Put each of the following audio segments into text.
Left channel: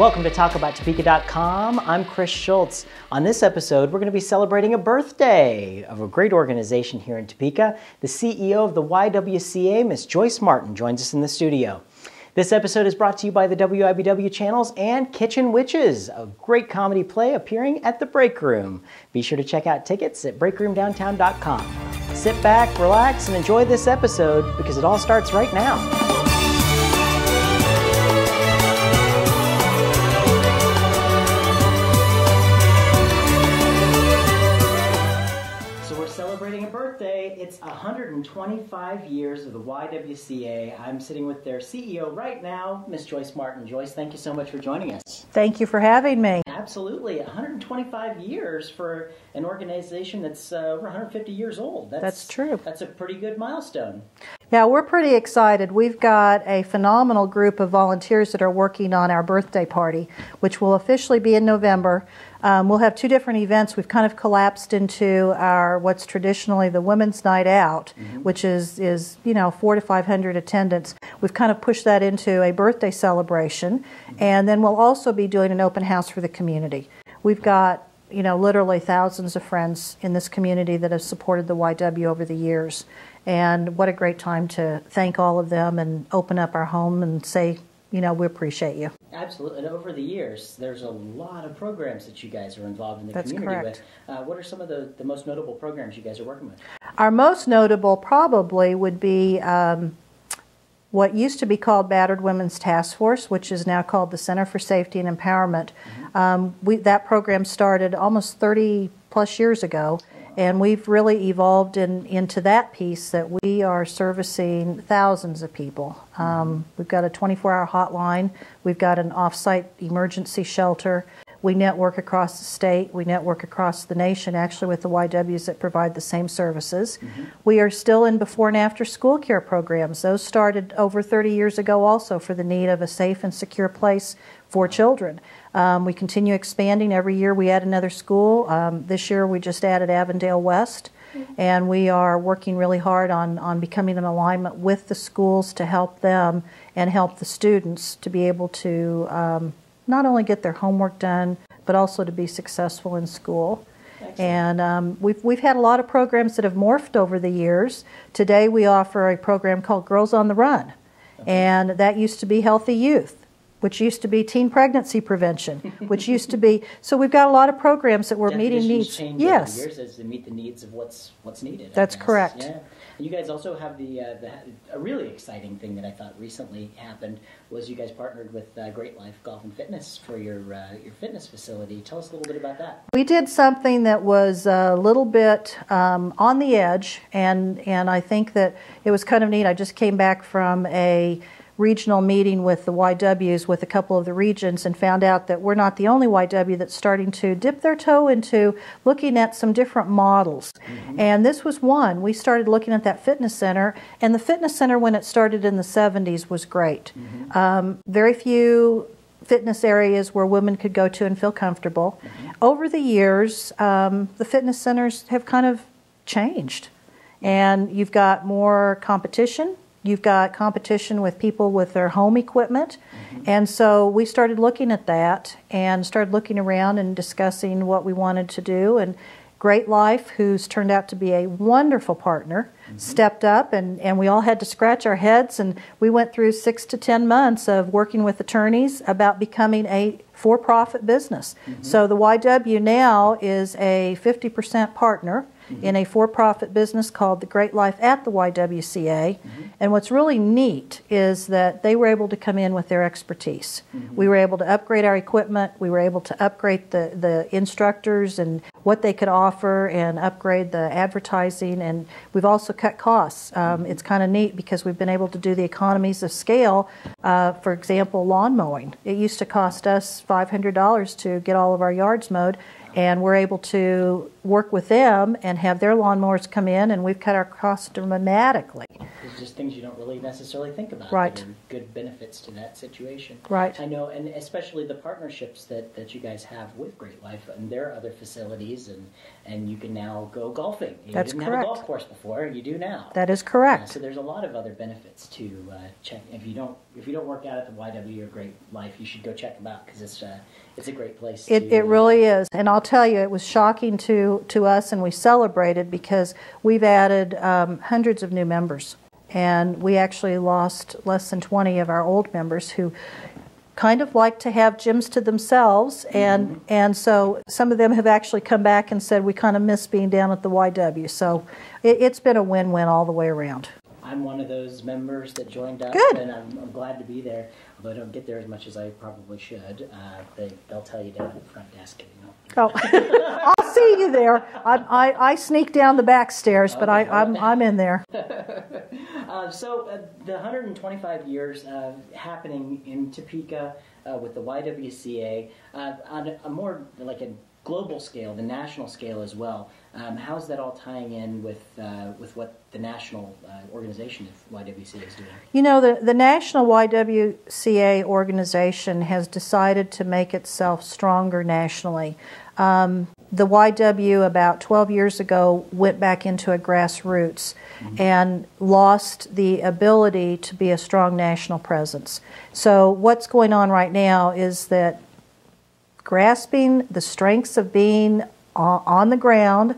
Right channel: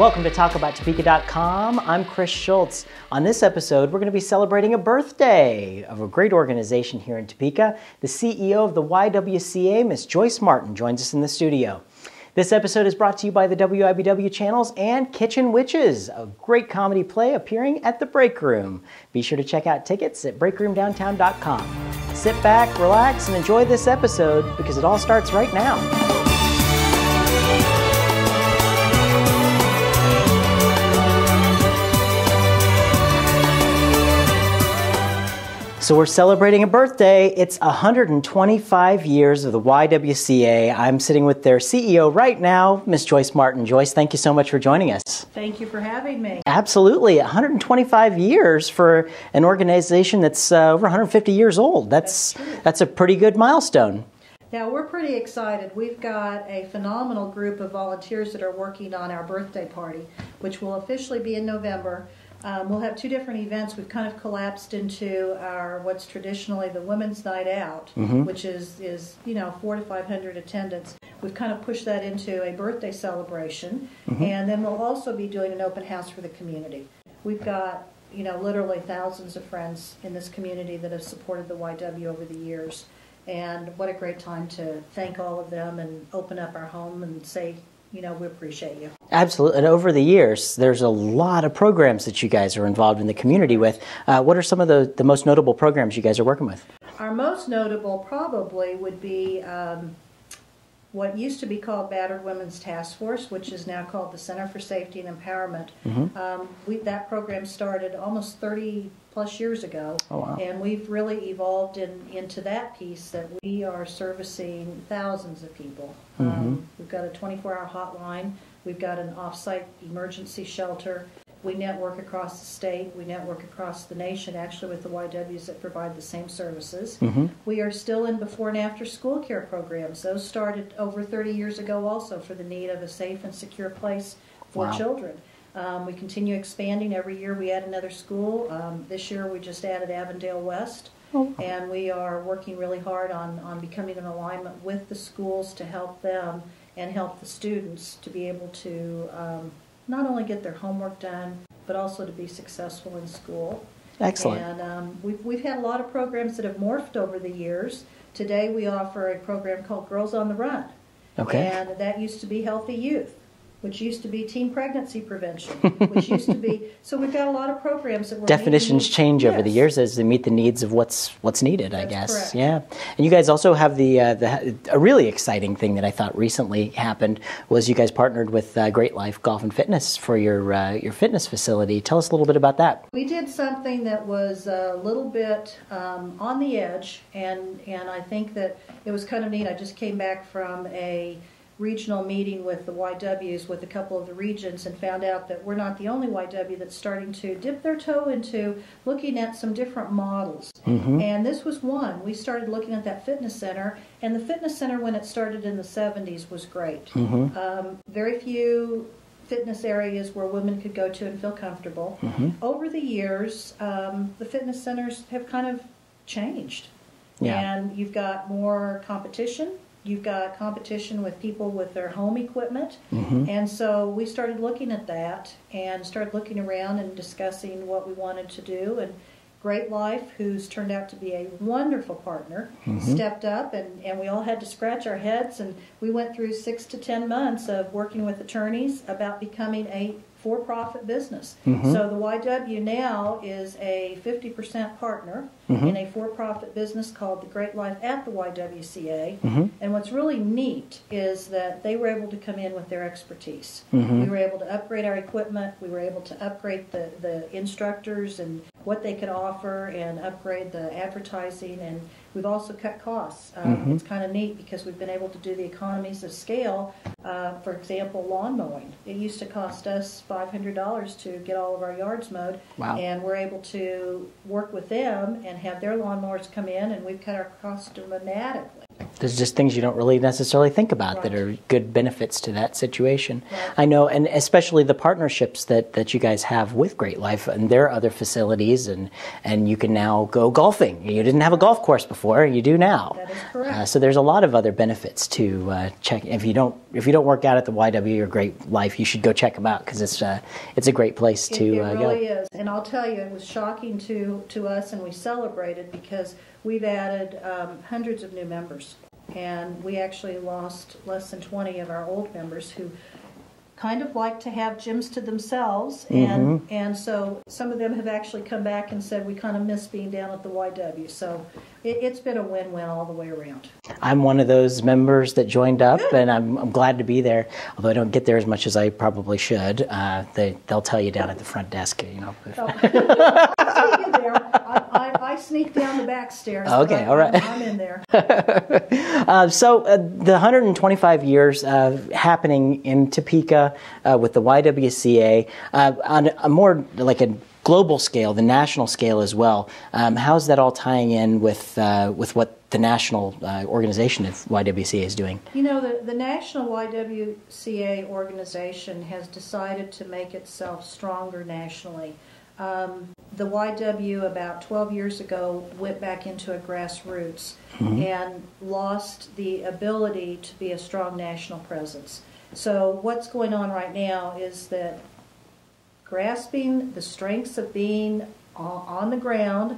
Welcome to TalkAboutTopeka.com. I'm Chris Schultz. On this episode, we're going to be celebrating a birthday of a great organization here in Topeka. The CEO of the YWCA, Miss Joyce Martin, joins us in the studio. This episode is brought to you by the WIBW channels and Kitchen Witches, a great comedy play appearing at the Break Room. Be sure to check out tickets at breakroomdowntown.com. Sit back, relax, and enjoy this episode because it all starts right now. So we're celebrating a birthday. It's 125 years of the YWCA. I'm sitting with their CEO right now, Miss Joyce Martin. Joyce, thank you so much for joining us. Thank you for having me. Absolutely. 125 years for an organization that's over 150 years old. That's true. That's a pretty good milestone. Yeah, we're pretty excited. We've got a phenomenal group of volunteers that are working on our birthday party, which will officially be in November. We'll have two different events. We've kind of collapsed into our what's traditionally the Women's Night Out, which is 400 to 500 attendance. We've kind of pushed that into a birthday celebration, and then we'll also be doing an open house for the community. We've got literally thousands of friends in this community that have supported the YW over the years, and what a great time to thank all of them and open up our home and say, we appreciate you. Absolutely. And over the years, there's a lot of programs that you guys are involved in the community with. What are some of the most notable programs you guys are working with? Our most notable probably would be what used to be called Battered Women's Task Force, which is now called the Center for Safety and Empowerment. That program started almost 30 plus years ago, and we've really evolved into that piece that we are servicing thousands of people. We've got a 24-hour hotline. We've got an off-site emergency shelter. We network across the state. We network across the nation, actually, with the YWs that provide the same services. We are still in before and after school care programs. Those started over 30 years ago also for the need of a safe and secure place for children. We continue expanding. Every year we add another school. This year we just added Avondale West. And we are working really hard on becoming in alignment with the schools to help them and help the students to be able to not only get their homework done, but also to be successful in school. Excellent. And we've had a lot of programs that have morphed over the years. Today we offer a program called Girls on the Run. And that used to be Healthy Youth, which used to be teen pregnancy prevention, which used to be, so we've got a lot of programs that we're definitions change over the years as they meet the needs of what's needed, I guess. That's correct. Yeah. And you guys also have a really exciting thing that I thought recently happened was you guys partnered with Great Life Golf and Fitness for your fitness facility. Tell us a little bit about that. We did something that was a little bit on the edge, and I think that it was kind of neat. I just came back from a regional meeting with the YWs with a couple of the regions and found out that we're not the only YW that's starting to dip their toe into looking at some different models. And this was one. We started looking at that fitness center, and the fitness center when it started in the 70s was great. Very few fitness areas where women could go to and feel comfortable. Over the years, the fitness centers have kind of changed. And you've got more competition. You've got competition with people with their home equipment. And so we started looking at that and started looking around and discussing what we wanted to do. And Great Life, who's turned out to be a wonderful partner, stepped up, and we all had to scratch our heads, and we went through 6 to 10 months of working with attorneys about becoming a for-profit business. So the YW now is a 50% partner in a for-profit business called the Great Life at the YWCA. And what's really neat is that they were able to come in with their expertise. We were able to upgrade our equipment. We were able to upgrade the instructors and what they could offer and upgrade the advertising. And we've also cut costs. It's kind of neat because we've been able to do the economies of scale. For example, lawn mowing. It used to cost us $500 to get all of our yards mowed. And we're able to work with them and have their lawnmowers come in, and we've cut our costs dramatically. There's just things you don't really necessarily think about that are good benefits to that situation. I know, and especially the partnerships that you guys have with Great Life and their other facilities. parties, and you can now go golfing. You That's didn't have a correct. golf course before, you do now. That is correct. So there's a lot of other benefits to check. If you don't work out at the YW or Great Life, you should go check them out because it's a great place to. It really is, and I'll tell you, it was shocking to us, and we celebrated because we've added hundreds of new members, and we actually lost less than 20 of our old members who kind of like to have gyms to themselves, and so some of them have actually come back and said we kind of miss being down at the YW. So it's been a win-win all the way around. I'm one of those members that joined up, Good. and I'm glad to be there. Although I don't get there as much as I probably should. They'll tell you down at the front desk, you know. Oh, I'll see you there. I sneak down the back stairs, but Okay, all right. I'm in there. So the 125 years happening in Topeka with the YWCA on a more like a global scale, the national scale as well. How's that all tying in with what the national organization of YWCA is doing? You know, the national YWCA organization has decided to make itself stronger nationally. The YW about 12 years ago went back into a grassroots and lost the ability to be a strong national presence. So what's going on right now is that grasping the strengths of being on the ground,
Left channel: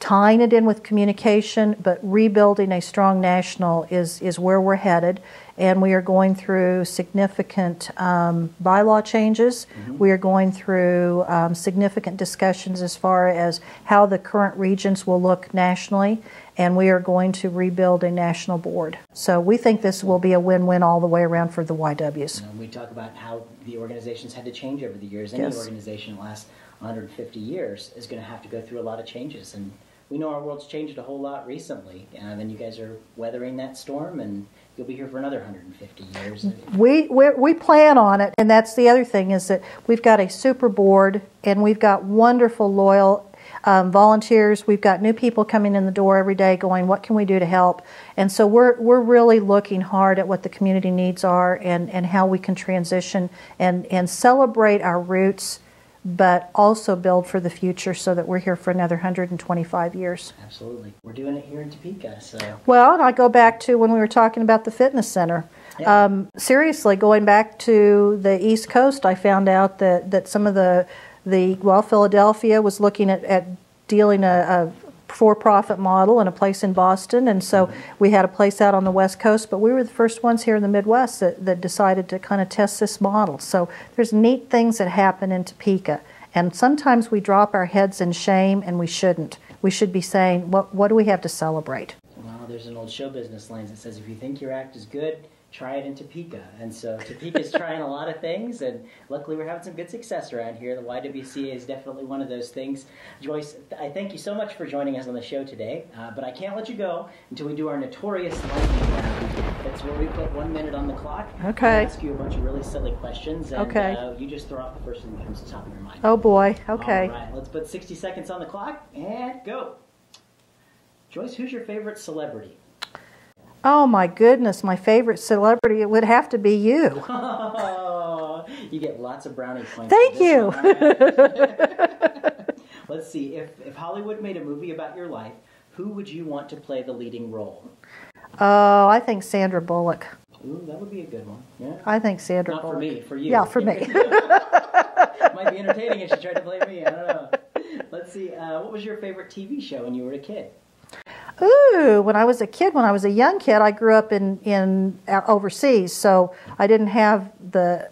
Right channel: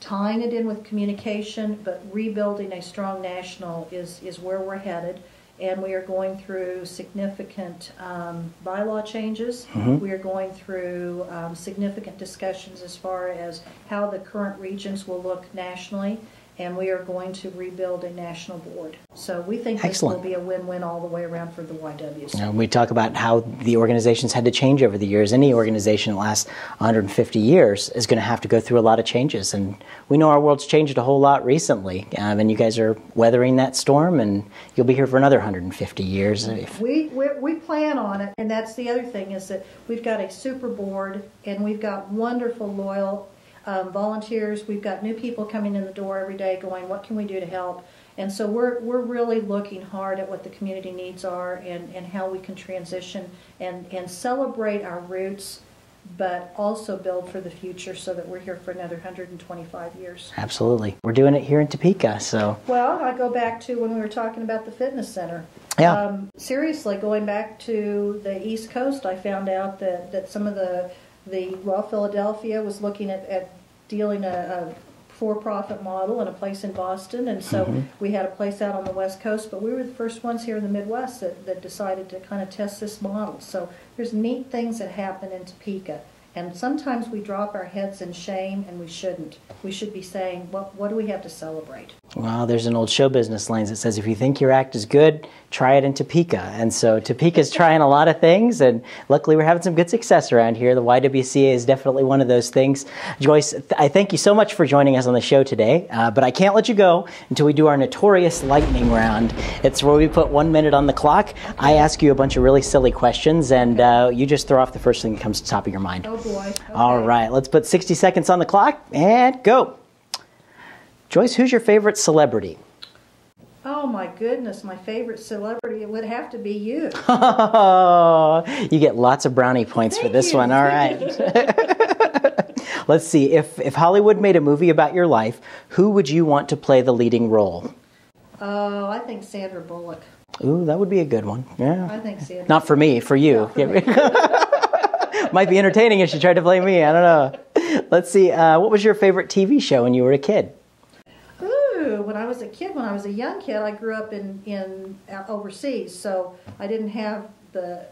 tying it in with communication, but rebuilding a strong national is where we're headed. And we are going through significant bylaw changes. We are going through significant discussions as far as how the current regions will look nationally. And we are going to rebuild a national board. So we think this will be a win-win all the way around for the YWs. We talk about how the organizations had to change over the years. Any organization in the last 150 years is going to have to go through a lot of changes. And we know our world's changed a whole lot recently. And you guys are weathering that storm, and you'll be here for another 150 years. We plan on it. And that's the other thing, is that we've got a super board, and we've got wonderful, loyal volunteers. We've got new people coming in the door every day going, what can we do to help? And so we're really looking hard at what the community needs are and how we can transition and celebrate our roots, but also build for the future so that we're here for another 125 years. Absolutely. We're doing it here in Topeka. So. Well, and I go back to when we were talking about the fitness center. Yeah. Seriously, going back to the East Coast, I found out that some of Philadelphia was looking at dealing a for-profit model in a place in Boston, and so we had a place out on the West Coast, but we were the first ones here in the Midwest that decided to kind of test this model. So there's neat things that happen in Topeka, and sometimes we drop our heads in shame, and we shouldn't. We should be saying, what do we have to celebrate? Well, there's an old show business line that says, if you think your act is good, try it in Topeka. And so Topeka's trying a lot of things, and luckily we're having some good success around here. The YWCA is definitely one of those things. Joyce, I thank you so much for joining us on the show today, but I can't let you go until we do our notorious lightning round. It's where we put 1 minute on the clock. Okay. I ask you a bunch of really silly questions, and you just throw off the first thing that comes to the top of your mind. Oh boy, okay. All right, let's put 60 seconds on the clock, and go. Joyce, who's your favorite celebrity? Oh my goodness, my favorite celebrity, it would have to be you. Oh, you get lots of brownie points for this one. All right. Let's see. If Hollywood made a movie about your life, who would you want to play the leading role? Oh, I think Sandra Bullock. Ooh, that would be a good one. Yeah. I think Sandra Not Bullock. for me, for you. Yeah, for me. Might be entertaining if she tried to play me. I don't know. Let's see. What was your favorite TV show when you were a kid? Ooh, when I was a young kid, I grew up in overseas, so I didn't have the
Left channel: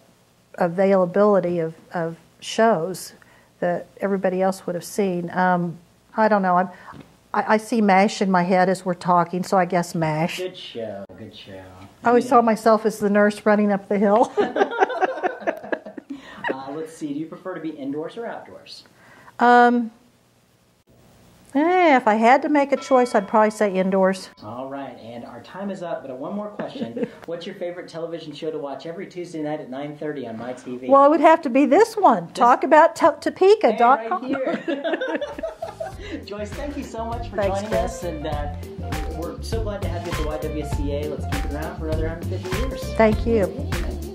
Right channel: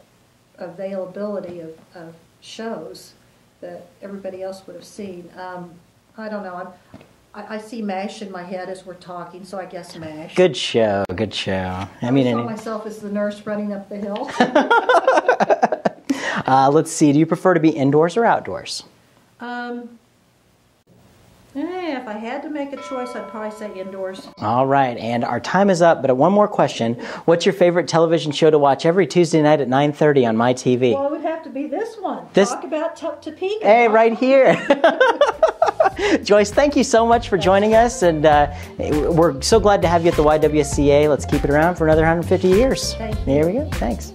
availability of shows that everybody else would have seen. I don't know. I see MASH in my head as we're talking, so I guess MASH. Good show, good show. I always saw myself as the nurse running up the hill. Let's see. Do you prefer to be indoors or outdoors? If I had to make a choice, I'd probably say indoors. All right, and our time is up, but one more question. What's your favorite television show to watch every Tuesday night at 9:30 on MyTV? Well, it would have to be this one. Talk about Topeka. Hey, right here. Joyce, thank you so much for joining us, and we're so glad to have you at the YWCA. Let's keep it around for another 150 years. Thank you. There we go. Thanks.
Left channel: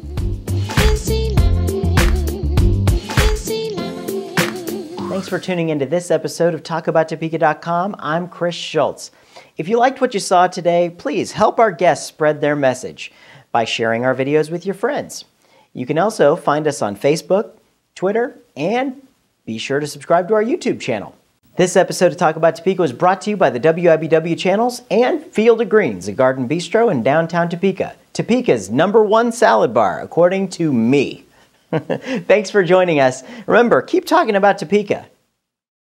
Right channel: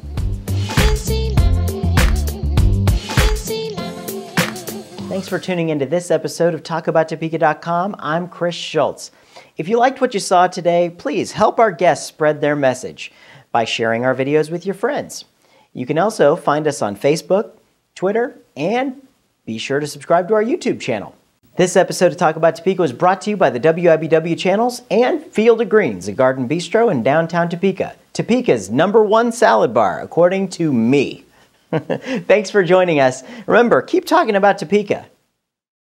Thanks for tuning into this episode of TalkAboutTopeka.com. I'm Chris Schultz. If you liked what you saw today, please help our guests spread their message by sharing our videos with your friends. You can also find us on Facebook, Twitter, and be sure to subscribe to our YouTube channel. This episode of Talk About Topeka was brought to you by the WIBW channels and Field of Greens, a garden bistro in downtown Topeka. Topeka's #1 salad bar, according to me. Thanks for joining us. Remember, keep talking about Topeka.